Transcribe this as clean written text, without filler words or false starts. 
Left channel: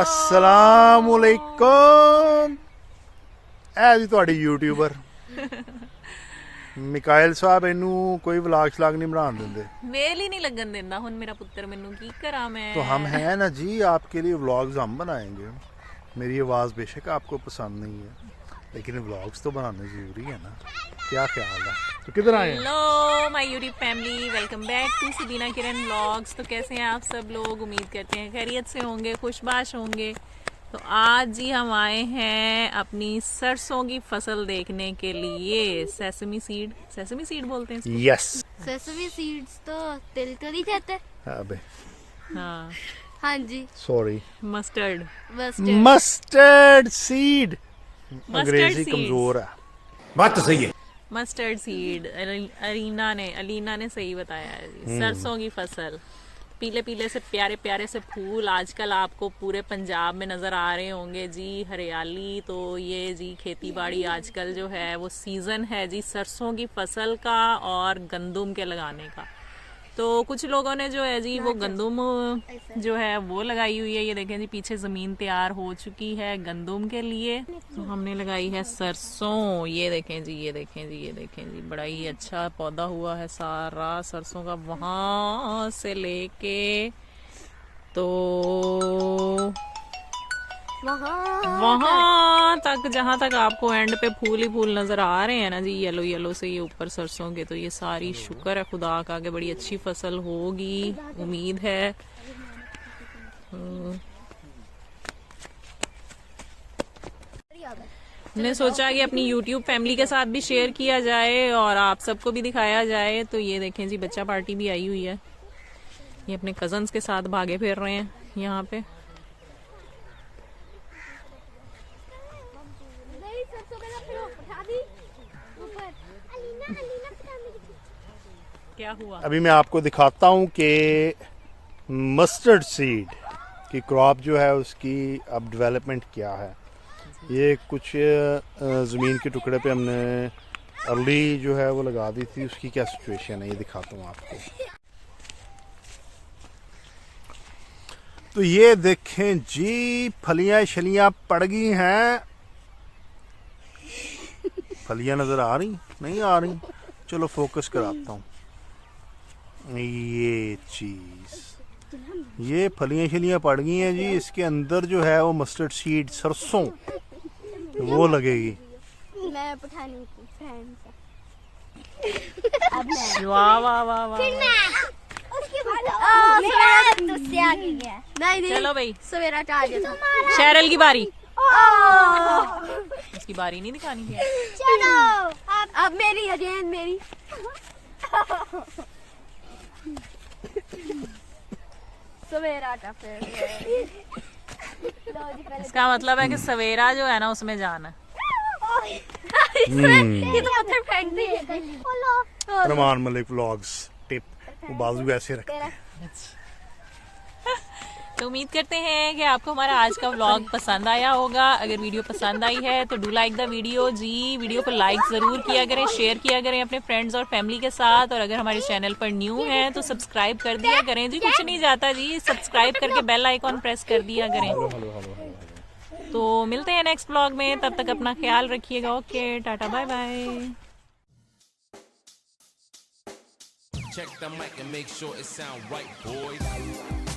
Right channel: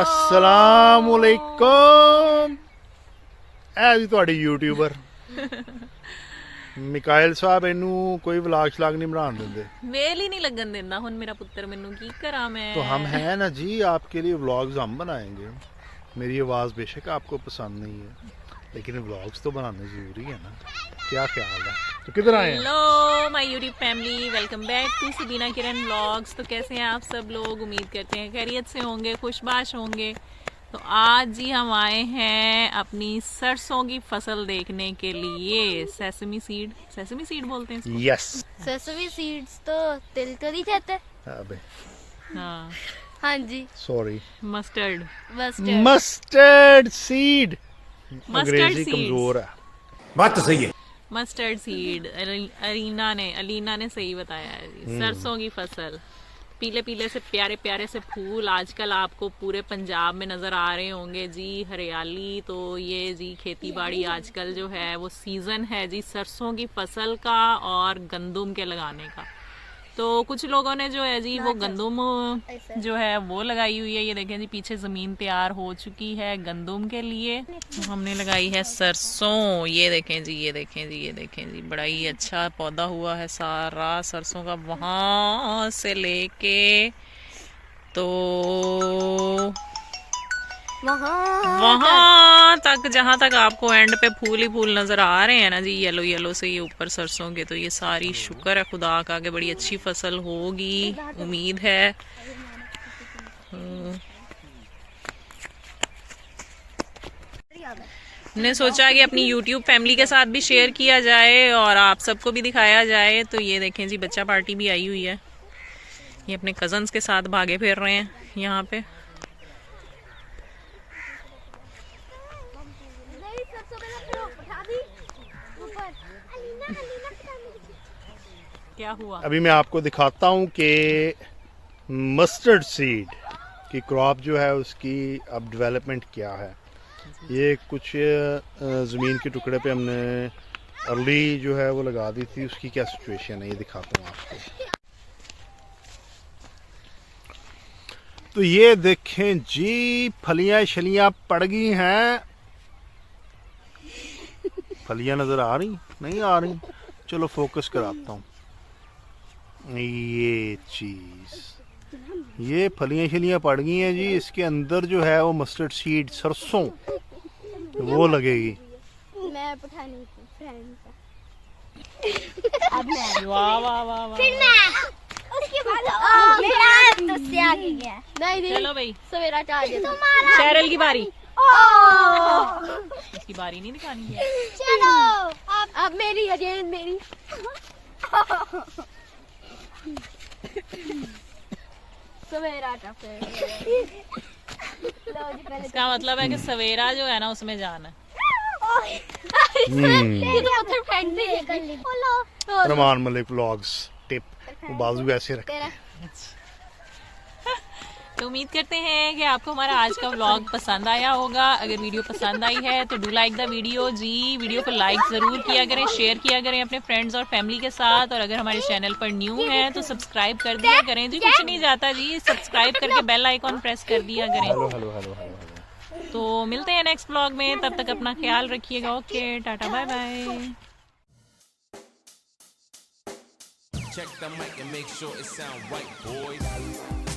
अस्सलामुअलैकुम। ਇਹ ਜੀ ਤੁਹਾਡੀ ਯੂਟਿਊਬਰ ਮਿਕਾਇਲ ਸਾਹਿਬ ਇਹਨੂੰ ਕੋਈ ਵਲੌਗ ਸ਼ਲਾਗ नहीं बनाने ਦਿੰਦੇ। ਵੇਲ ਹੀ ਨਹੀਂ ਲੱਗਣ ਦਿੰਦਾ ਹੁਣ ਮੇਰਾ ਪੁੱਤਰ ਮੈਨੂੰ ਕੀ ਕਰਾਂ मैं। तो हम हैं ना जी, आपके लिए व्लॉग्स हम बनाएंगे। मेरी आवाज़ बेशक आपको पसंद नहीं है, लेकिन व्लॉग्स तो बनाने ज़रूरी है ना। क्या ख्याल है? तो किधर आए हैं? Hello my YouTube family, welcome back to Sabina Kiran vlogs. तो कैसे हैं आप सब लोग? उम्मीद करते हैं खैरियत से होंगे, खुशबाश होंगे। तो आज जी हम आए हैं अपनी सरसों की फसल देखने के लिए। सेसमी सीड बोलते हैं इसको। यस। सेसमी सीड्स तो तिल तो नहीं खाते। अबे हाँ हाँ जी, sorry, mustard mustard seed. Mustard अंग्रेजी seeds। कमजोर है। बात तो सही है। मस्टर्ड सीड अलीना ने सही बताया है जी। सरसों की फसल, पीले पीले से प्यारे प्यारे से फूल आजकल आपको पूरे पंजाब में नज़र आ रहे होंगे जी। हरियाली, तो ये जी खेती बाड़ी आजकल जो है वो सीज़न है जी सरसों की फसल का और गंदम के लगाने का। तो कुछ लोगों ने जो है जी वो गंदम जो है वो लगाई हुई है। ये देखें जी पीछे ज़मीन तैयार हो चुकी है गंदम के लिए। तो हमने लगाई है सरसों। ये देखें जी, ये देखें जी, ये देखें जी, बड़ा ही अच्छा पौधा हुआ है सारा सरसों का। वहाँ से लेके तो वहाँ तक, जहाँ तक आपको एंड पे फूल ही फूल नजर आ रहे हैं ना जी, येलो येलो से ये ऊपर सरसों के। तो ये सारी शुक्र है खुदा का कि बड़ी अच्छी फसल होगी, उम्मीद है। हमने सोचा कि अपनी YouTube फैमिली के साथ भी शेयर किया जाए और आप सबको भी दिखाया जाए। तो ये देखें जी बच्चा पार्टी भी आई हुई है। ये अपने कजन्स के साथ भागे फिर रहे हैं यहाँ पे। क्या हुआ? अभी मैं आपको दिखाता हूँ कि मस्टर्ड सीड की क्रॉप जो है उसकी अब डेवलपमेंट क्या है। ये कुछ ज़मीन के टुकड़े पे हमने अर्ली जो है वो लगा दी थी, उसकी क्या सिचुएशन है ये दिखाता हूँ आपको। तो ये देखें जी, फलियां शलियां पड़ गई हैं। फलियां नज़र आ रही नहीं आ रही? चलो फोकस कराता हूँ। ये चीज़, ये फलियां शलियां पड़ गई हैं जी। इसके अंदर जो है वो मस्टर्ड सीड सरसों वो लगेगी। मैं पठानी थी फ्रेंड वाह वाह वाह वाह। उसके बाद तुझसे आगे गया। नहीं चलो भाई, सवेरा टारगेट शेरल की बारी। उसकी बारी नहीं दिखानी है। चलो अब मेरी अगेन मेरी। सवेरा का फिर इसका मतलब है कि सवेरा जो है ना उसमें जाना। ये तो पत्थर फेंक दे। रमान मलिक व्लॉग्स टिप, वो बाजू ऐसे रखते हैं। तो उम्मीद करते हैं कि आपको हमारा आज का व्लॉग पसंद आया होगा। अगर वीडियो पसंद आई है तो डू लाइक द वीडियो जी। वीडियो को लाइक ज़रूर किया करें, शेयर किया करें अपने फ्रेंड्स और फैमिली के साथ। और अगर हमारे चैनल पर न्यू हैं तो सब्सक्राइब कर दिया करें जी। कुछ नहीं जाता जी, सब्सक्राइब करके बेल आइकॉन प्रेस कर दिया करें। Hello hello hello hello. तो मिलते हैं नेक्स्ट व्लॉग में, तब तक अपना ख्याल रखिएगा। Okay, tata bye bye. Check the mic and make sure it sound right, boys.